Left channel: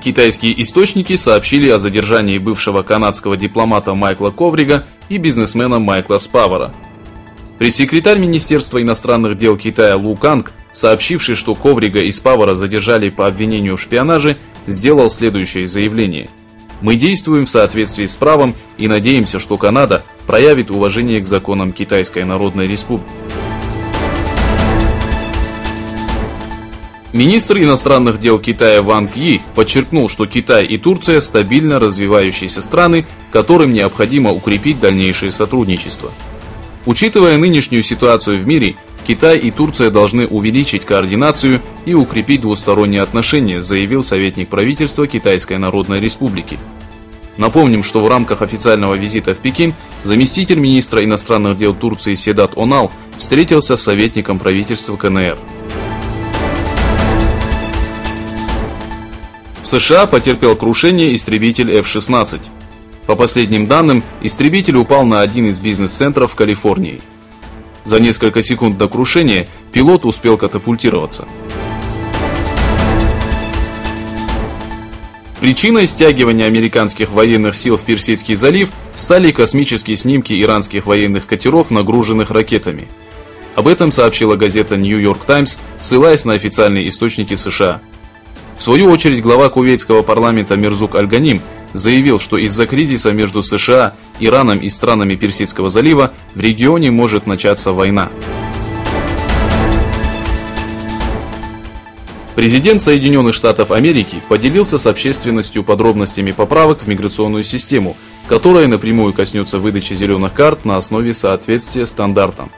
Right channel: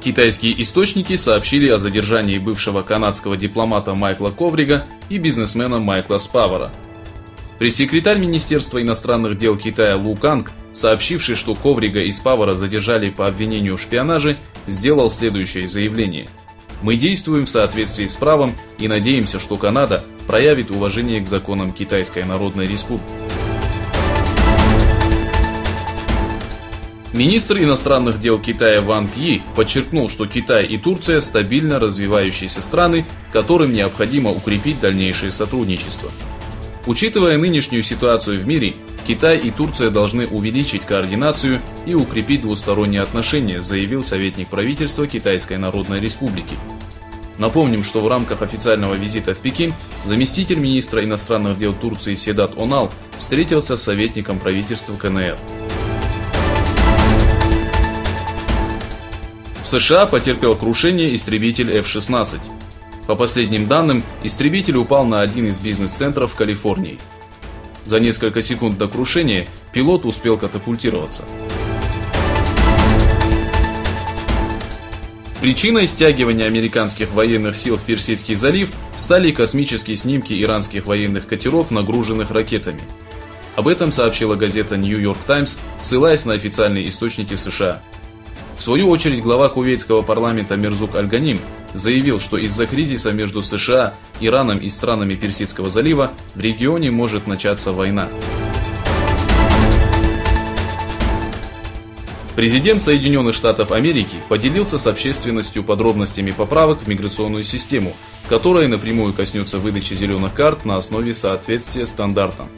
Китайские источники сообщили о задержании бывшего канадского дипломата Майкла Коврига и бизнесмена Майкла Спавара. Пресс-секретарь Министерства иностранных дел Китая Лу Канг, сообщивший, что Коврига и Спавара задержали по обвинению в шпионаже, сделал следующее заявление: «Мы действуем в соответствии с правом и надеемся, что Канада проявит уважение к законам Китайской Народной Республики». Министр иностранных дел Китая Ван Кьи подчеркнул, что Китай и Турция – стабильно развивающиеся страны, которым необходимо укрепить дальнейшее сотрудничество. Учитывая нынешнюю ситуацию в мире, Китай и Турция должны увеличить координацию и укрепить двусторонние отношения, заявил советник правительства Китайской Народной Республики. Напомним, что в рамках официального визита в Пекин заместитель министра иностранных дел Турции Седат Онал встретился с советником правительства КНР. В США потерпел крушение истребитель F-16. По последним данным, истребитель упал на один из бизнес-центров в Калифорнии. За несколько секунд до крушения пилот успел катапультироваться. Причиной стягивания американских военных сил в Персидский залив стали космические снимки иранских военных катеров, нагруженных ракетами. Об этом сообщила газета New York Times, ссылаясь на официальные источники США. В свою очередь, глава кувейтского парламента Мирзук Аль-Ганим заявил, что из-за кризиса между США, Ираном и странами Персидского залива в регионе может начаться война. Президент Соединенных Штатов Америки поделился с общественностью подробностями поправок в миграционную систему, которая напрямую коснется выдачи зеленых карт на основе соответствия стандартам.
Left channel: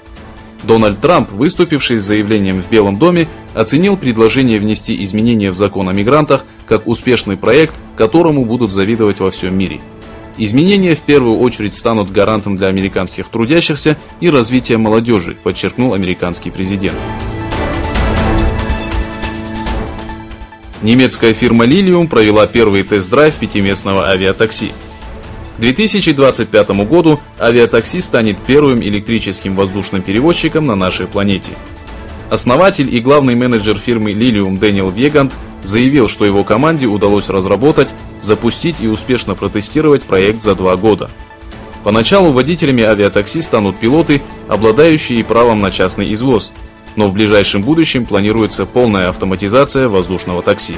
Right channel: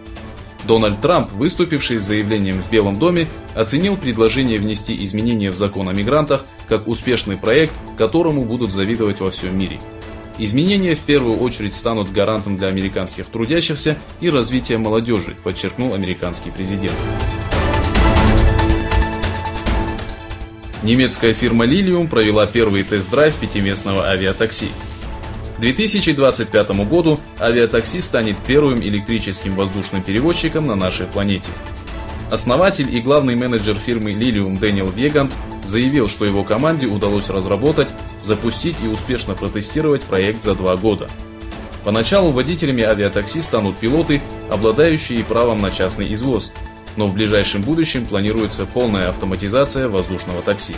Дональд Трамп, выступивший с заявлением в Белом доме, оценил предложение внести изменения в закон о мигрантах как успешный проект, которому будут завидовать во всем мире. Изменения в первую очередь станут гарантом для американских трудящихся и развития молодежи, подчеркнул американский президент. Немецкая фирма Lilium провела первый тест-драйв пятиместного авиатакси. К 2025 году авиатакси станет первым электрическим воздушным перевозчиком на нашей планете. Основатель и главный менеджер фирмы Lilium Дэниел Вегант заявил, что его команде удалось разработать, запустить и успешно протестировать проект за 2 года. Поначалу водителями авиатакси станут пилоты, обладающие правом на частный извоз, но в ближайшем будущем планируется полная автоматизация воздушного такси.